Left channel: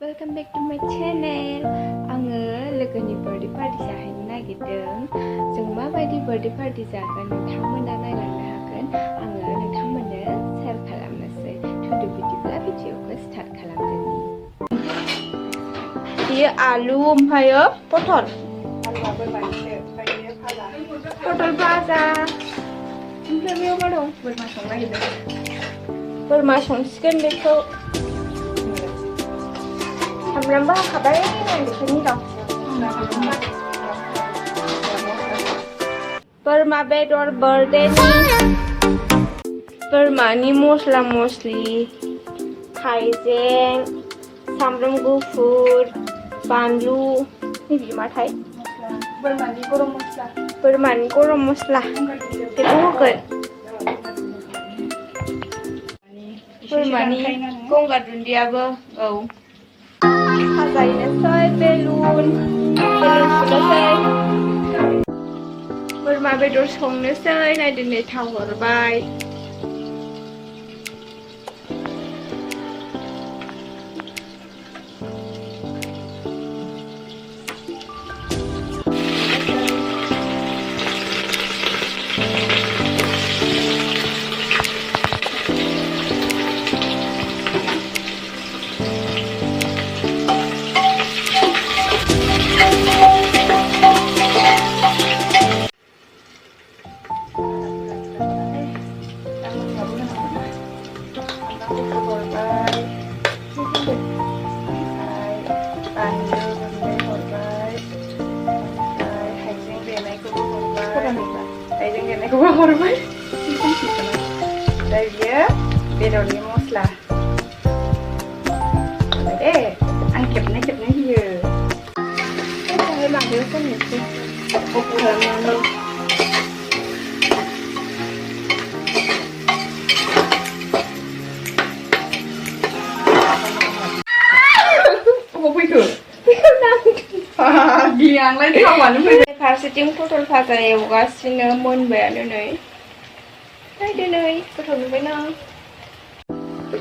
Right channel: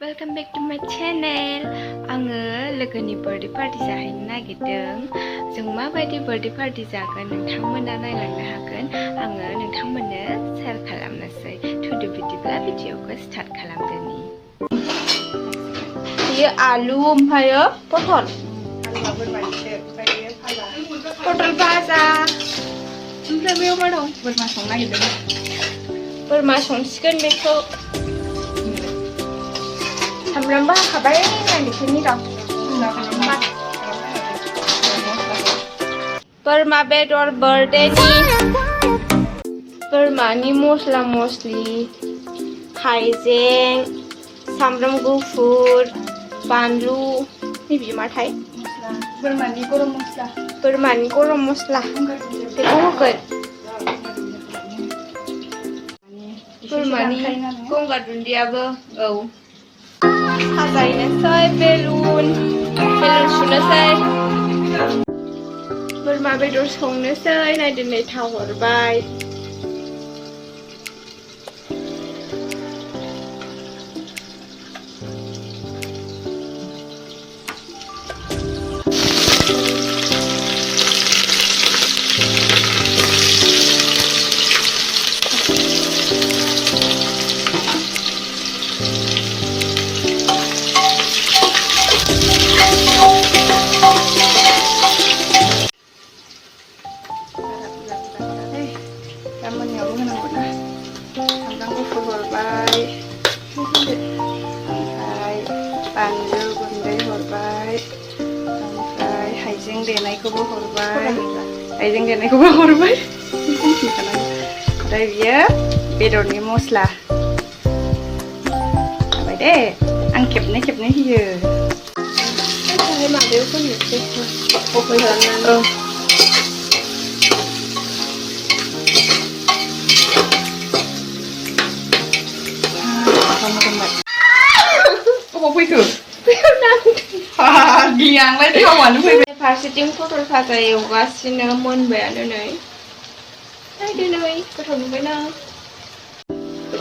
Welcome back to my channel. आङो लोगोनि birthday party जाहैनो नागिरदों. जों माबायदि बर्थडे पार्टी जागोन नोंथांमोना नायलांनो हागोन. आङो नोंथांमोननो शेयार खालामनोसै. थुदो बिदिब्ला भिडिअखौ स्टार्ट खालामदोनि. बेयो आलु ओमफ्रायो पटल. पटल भाजा. ओमफ्राय बेयाव मा दं? बोरमा संनो नागिरदों. बोरमा संसिगोन बेखौ. Hamlamba kabar yang di sini dong. Boरमा bedor birthday nih. Boरमा ni mosla mosli, haijeng, sambram gufur, banlu. Ini bagaimana thai? Boरमा ni gorom mosla. Boरमा ni gorom mosla. Itu hogan. Boरमा ni gongga dundia be. Oh. Hazainasai belun sunasai boरमा bedor संनोसै नायदो नै थाव हरबाय haijeng denaiखौबो हरबाय दा बियो बेदरनि मस्ला जाबाय दे आं खेबनै होयो दाहाय माबायाव फोननोसै अफन खालामनानै फारसेथिं पटल भाजा एवगासिनो मोनबायानो नै नायदो नै गोथाव नुबायना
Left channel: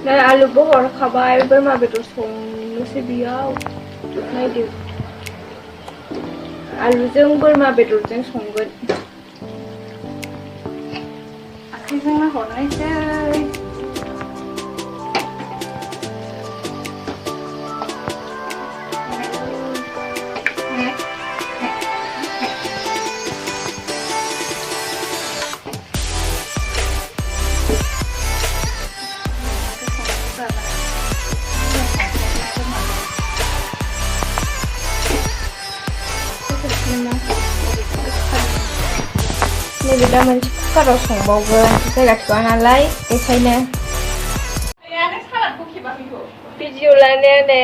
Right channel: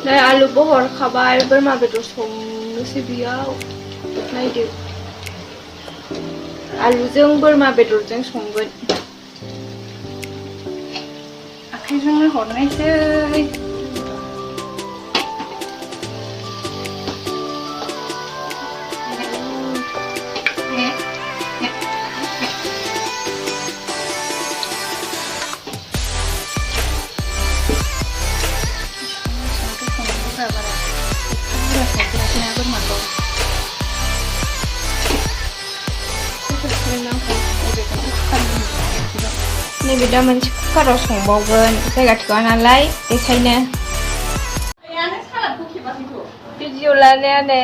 नै आलुबो हरखाबाय बोरमा बेदर संनोसै बेयाव नायदो आलुजों बोरमा बेदरजों संगोन आखाइजोंनो हरनायसै नैबे दा मोनसे कुकाराव संबावगोन जायगा थोआ नालाय बेखायनो भिडिअ लानाया नै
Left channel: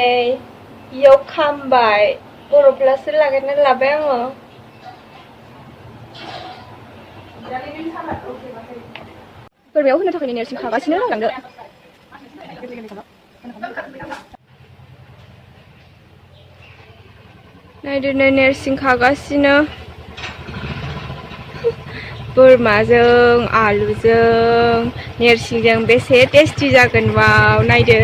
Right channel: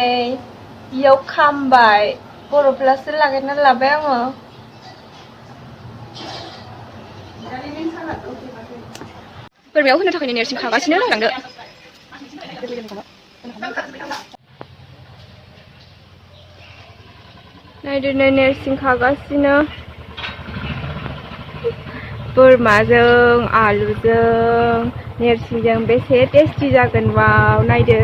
इयाव खामबाय बर'फ्लासो लागायना लाबाय आङो बोरमायाव होनो थाखाय नेरसिं खागासिनो लांदो नायदो नै नेरसिं खागासिनो बोरमाजों आलुजों नेरसिंजों बेसे टेस्टि जागोन वाव नायदो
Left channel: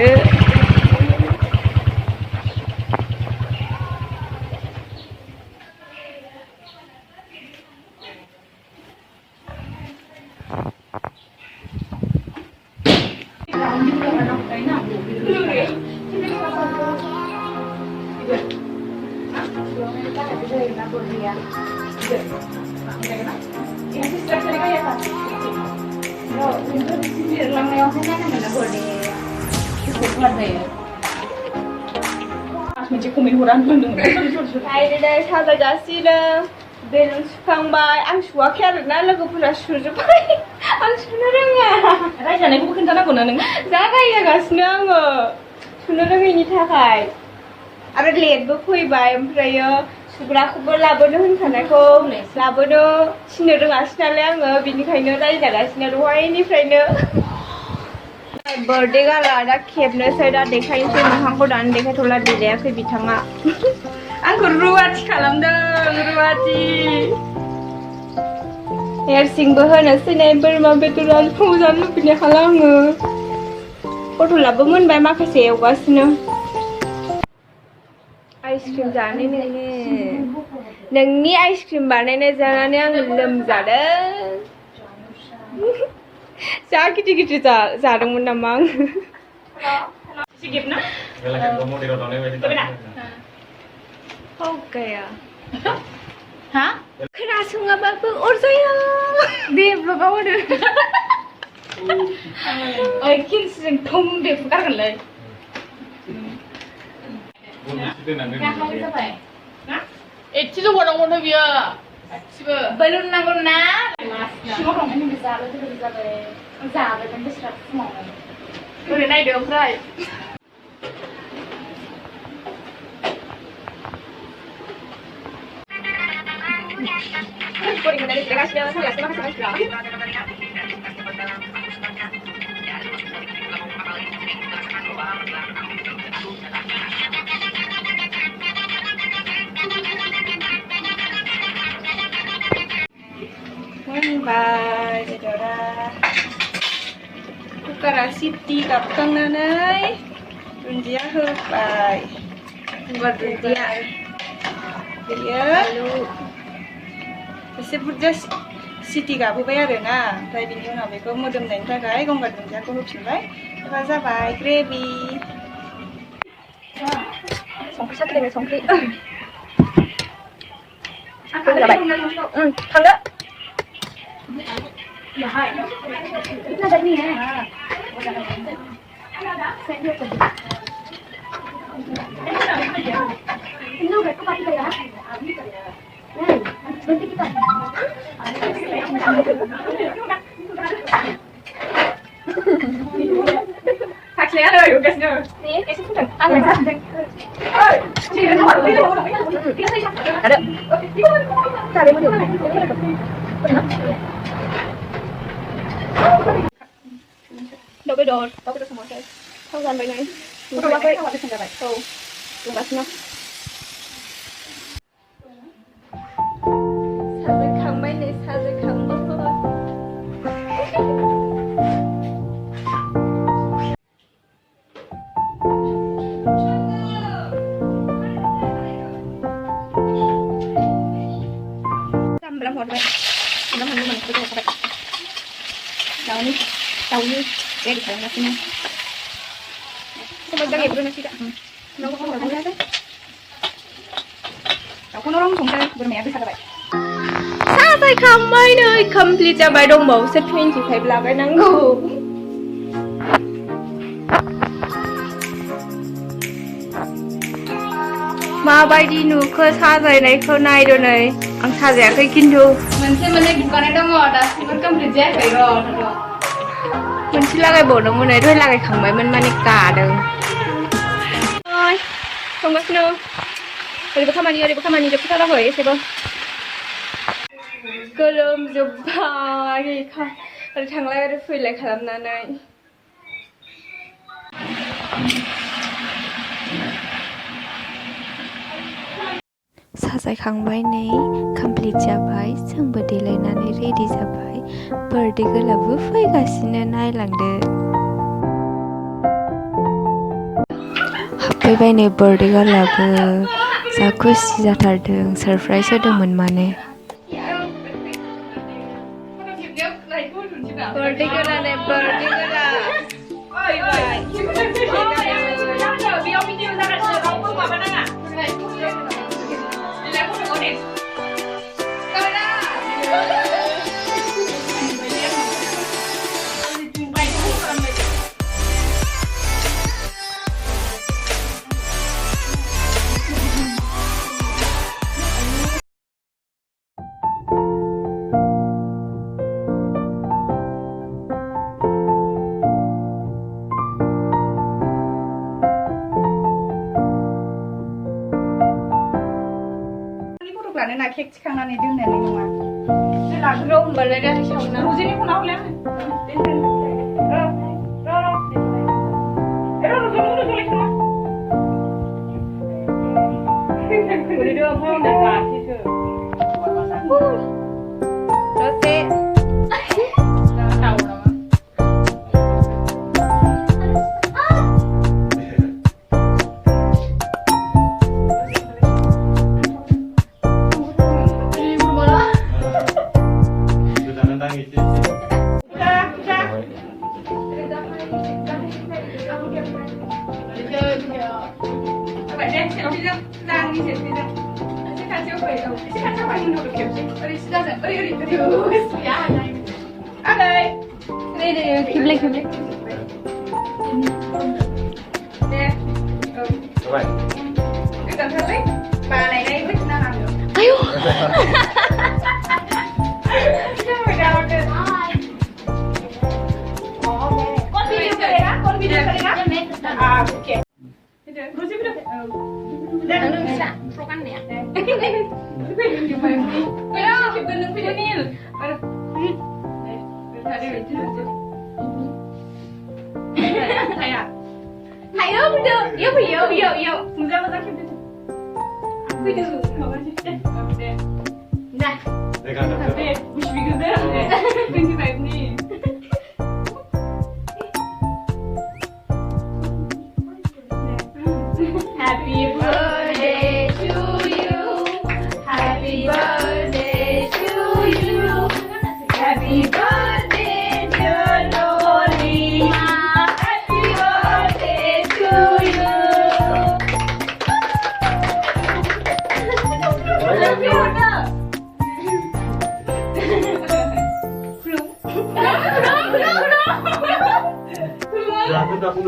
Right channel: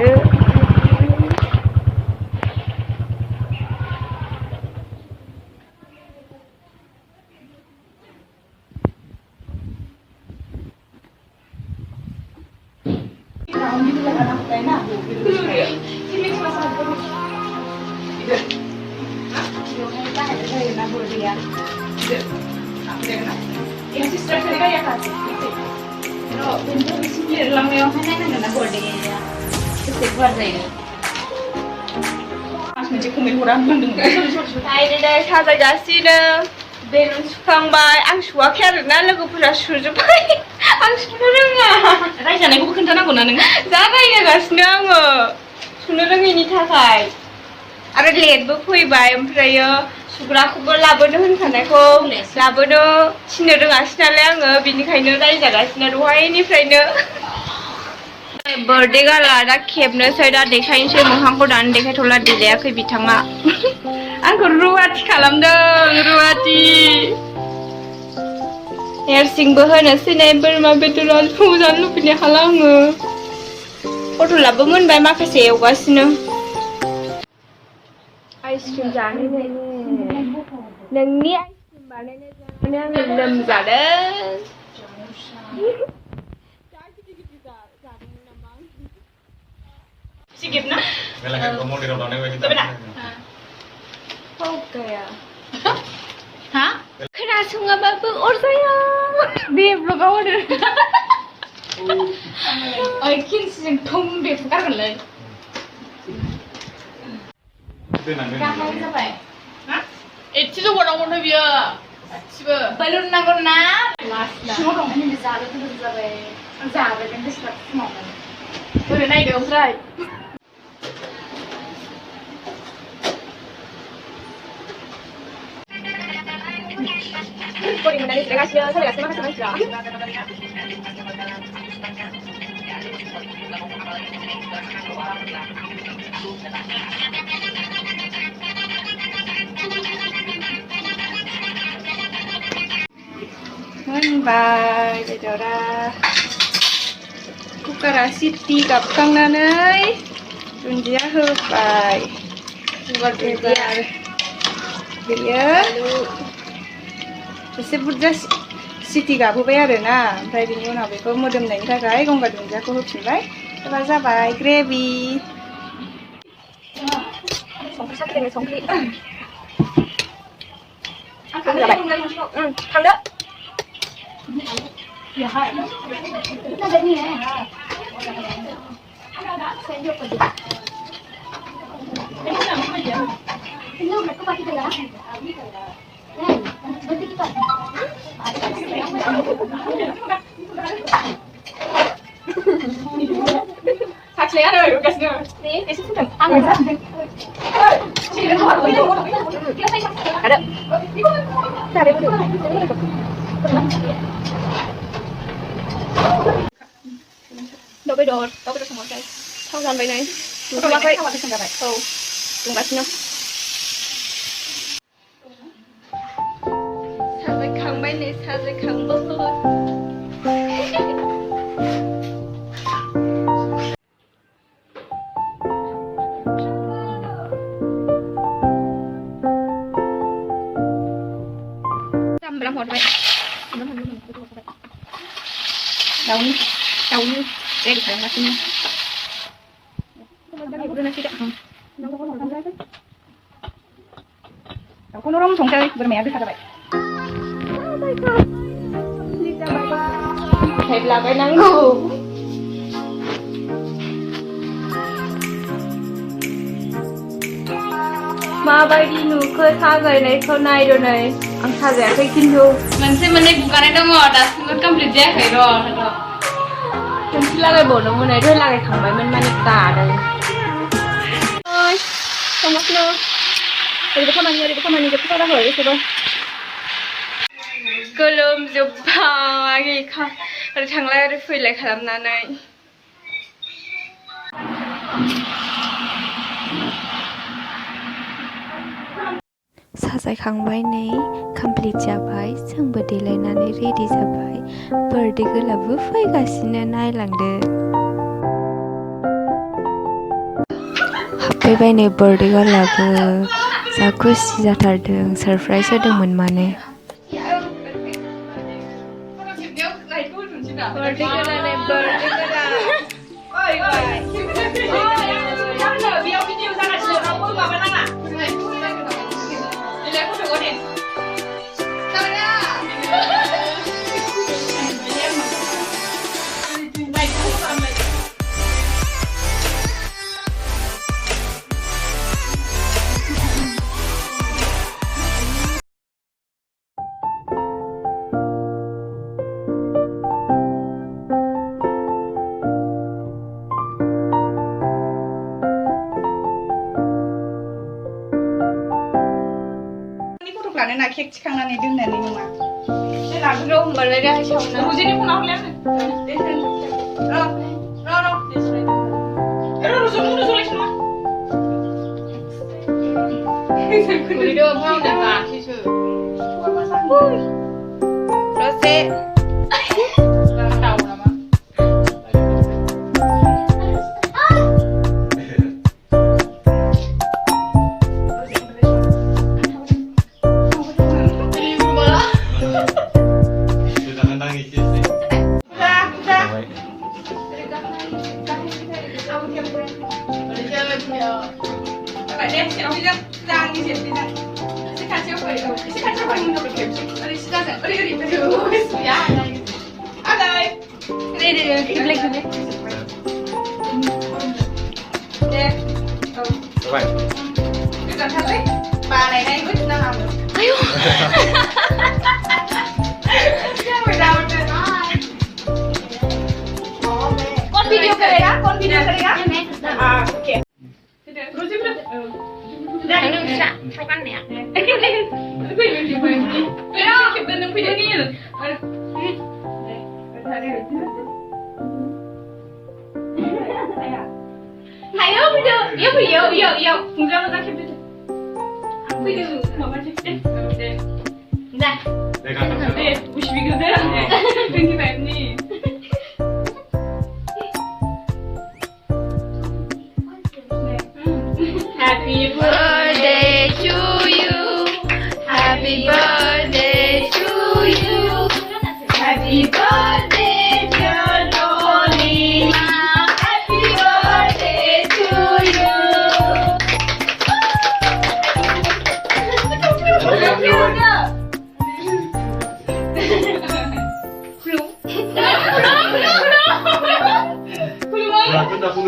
साजायगासिनो बेलुन सुखांबाय आं सुवाखै आरोना लोगोफोरा सुजोब्बाय आं सुनो रोङा रायजानायखौबो खोन्थानांगौ ना नों जा रायजागासिनो आङो सुनो रोङैनि थाखाय आरो लेटबो फैबाय ओमफ्रायो सुग्राखौबो लाबोनो होनखानायखौ लाबोनो थिननो रोङासै नालाय आङो बिनिखायनो रायजागासिनो दहायनिफ्रायनो बर्थडे गाला दा खेबनोसै दा देखायनोसै मोखांखौ दानो देखायथ'ला देलायाखै बिथाङा आंखौ रुवाथि खालामदों रुवाथि नेरसिंबो होनोसै नै बोरमा बेदर आलु जानो लुबैनाय हाला आङो पटलाबो मोनबाय माखासे एवगासिनो आइसक्रिम जानो नोंनि आइसक्रिम बानायनाय जानानै आङो लोमजादों जा गिदिर जादोंमोन नामा आं एसे गेब ना गैया हा खोनासङाबाबो अरजाया दे ब्लगाव होदो ओइ खिरसिजों थं दे फुगारगोनलै गाहाय जाबाय ना एसेल' हरनांगौनो बियो गासिबो बेलुन नांगौ ना सिङाव दं नों जाबाय गोदोर जाबाय जाबाय नों बेसेबां फुङावनो ओरै नायदो ओमफ्राय Puri menari delegasi saya terima kasih maksudnya. Bye, Dora. Kukara Siti kapkanganai, dundia hobai, buat dundia. Dia lalu. एसे बुरजा सिटि गाबोबाय आरो ना ओमफ्राय बिनि उनाव बेखौ मोदोमनायनि थाखाय गंगार दुन्दियाखौ होफिनबाय एबा जाबाय ग्रेभि संख्रि साखिदों संख्रि जाबाय थांदो Saksinya ada juga sih. Nih, isi pun ada. Ada. Cari dulu. Đâu bây giờ, đâu bây giờ không có cái. Thao dàn vậy này. Đúng không vậy? Đâu. Đúng bác nhá. Bay này sao rồi không bớt thôi làm một vậy làm mình cứ vậy đầu như đây được làm gì nè không bao giờ nghiệp luôn nè chị ạ nó không được không ra đấy không nó không ra đây bữa mẹ biết sao vậy Saya kamay na complete ya bay dong mau set pin si type lagay nanggo. Mabadi nu ko sajay nai ko nai do nai ang sajay kay kindu. Manse mane bukan ada mau das ngot complete ya kay ro tho. Manse lagay bo no mo nai doi lagay kambay man mani ka do. Oi, tomas no. Di ba kamani de putara hoy sebo. Golom jubba lagi kah ada tanglai ada file kalam nanai साजायखांबाय नै complete जाबाय जोंबो देलायनानै ready जाबाय birthday गोलाबो फैगासिनो नायलांदो हाबफैबाय नै birthday गोलाबो जा खुसि जाथारदों surprise होदोंमोन माने Birthday ko na birthday ko na. Bye bye. Lalu nak kek cikangan itu nene ni mah. Lalu rom balai dah sauna. Rujini pun awal ni. Ro. Rujini sulit semua. Video apa yang dah sih? Rose. Vậy đây, selfie Giang đi selfie Giang. Sẽ khăn chưa phải đâu, sẽ khăn chưa phải không được kiểu chứ. Ở đây sẽ ra, ở đây thử. Dạ. Ở đây. Đây, kịp lên. Đây. Vậy. Cái cần thật đấy. Bà này đây biết ra làm được. Ayo. Con video kरेगा? Ok. Anh bisa prokan ya. Ayo video. Kemudian kita capture. Video mama capture. Dah. 내가 한 네, 52개 되는데. 25니. Happy birthday to you. Happy birthday to you. Happy birthday dear Dolly. Happy birthday to you. 야, 끝나 부르.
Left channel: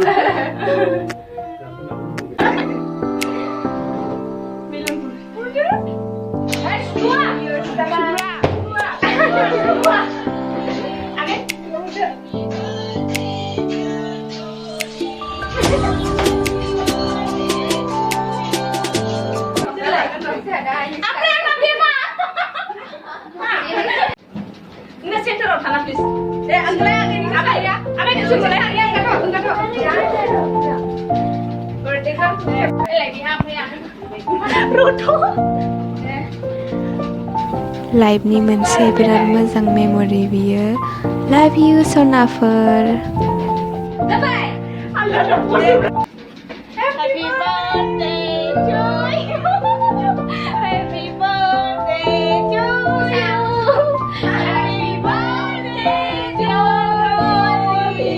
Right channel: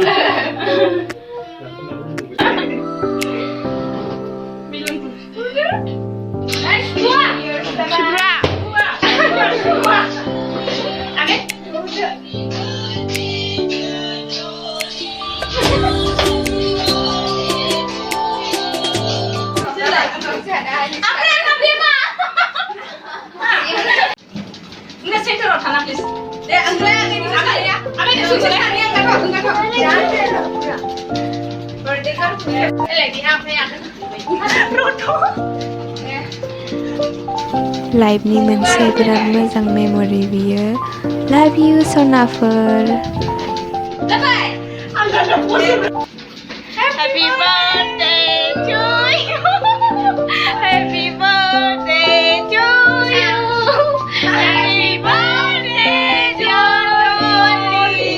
Enggak sih terus tanah please. Ya, agak ini susu lah. Enggak kok. Birthday kan lagi apa ya? लाइफनि मोनसे बिराद मोजां memory बियो लाभ U सनाफोर Happy birthday to you. Happy birthday to you. Happy birthday dear Dolly.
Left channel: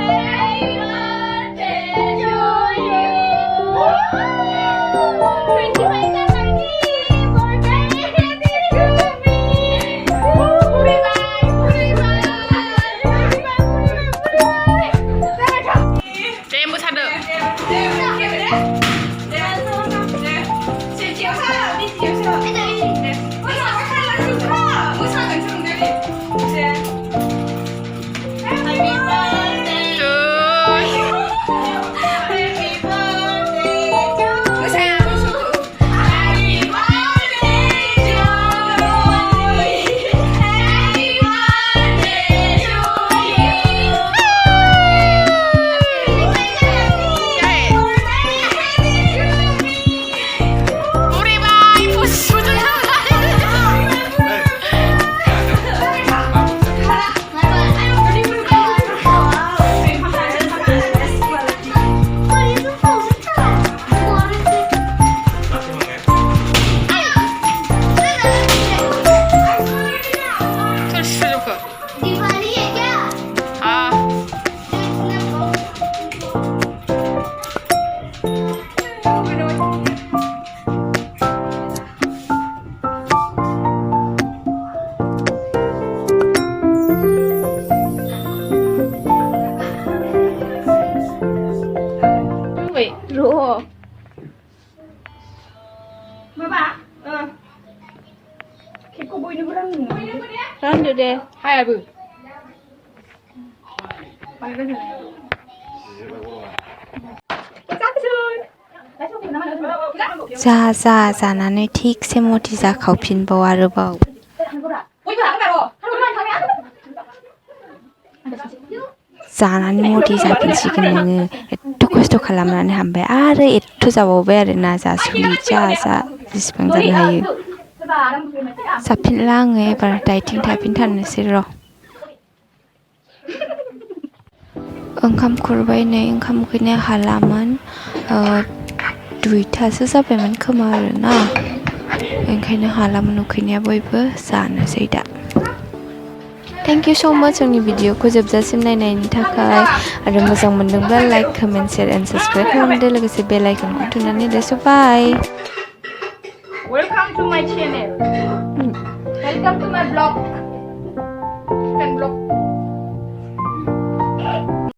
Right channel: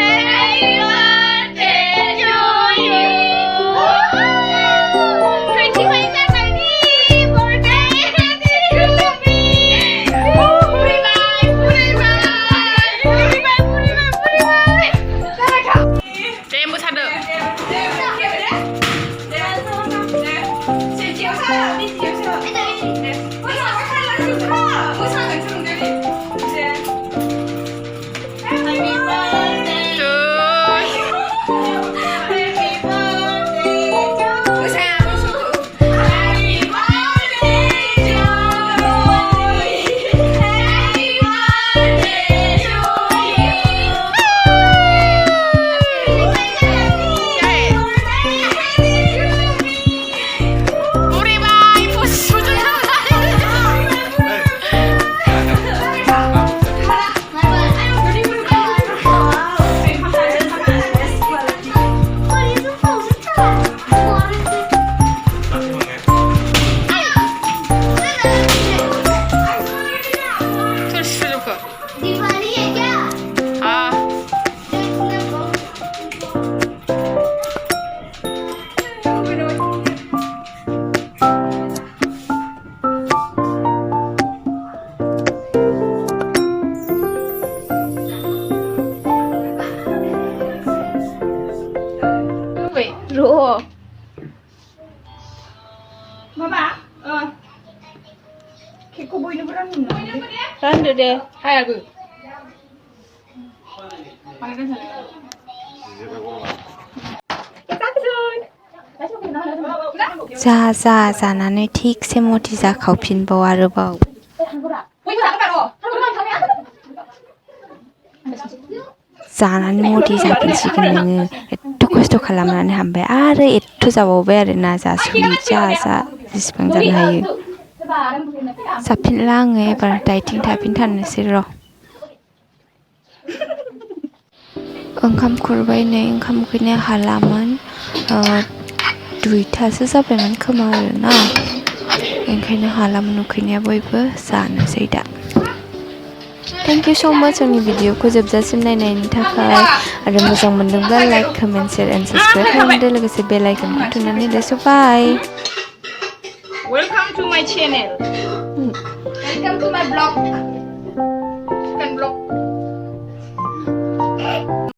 Happy birthday to you. 25 January birthday to me. Em muốn thật được. 로 Mama, Keko boy ni berani. 란드 데 Hai là जा जानानै थिगसे मथि जाखावफिनबाव आरोबाव जानानै मथि जाफिनसिगोन नोङो एथ' खस्थ' खालामनानै हामबाय आरो एथ' जाबावबाय आरोना जासुलि जा जेसेबां जानो हायो जाफिनला आङो एबार डाइटिं थाफिनथारनोसै र' ओंखाम खुरबाय नै ओंखाम उखैनाया हालामोन 2थासो जाबायमोन खोमा आरोना ओंखायनो हालामोन उखैनाया बयबो जानोसै दा थेंक इउ स' माच आंनि भिडिअखौ जोबजासिम नायनायनि थाखाय आरो मोजां मोनदोंब्ला like comment share and subscribe खालामदो लोगोसे बेल आइकनखौ थुनानै होदो स' बाय Welcome to my channel. Welcome to my vlog. You can vlog.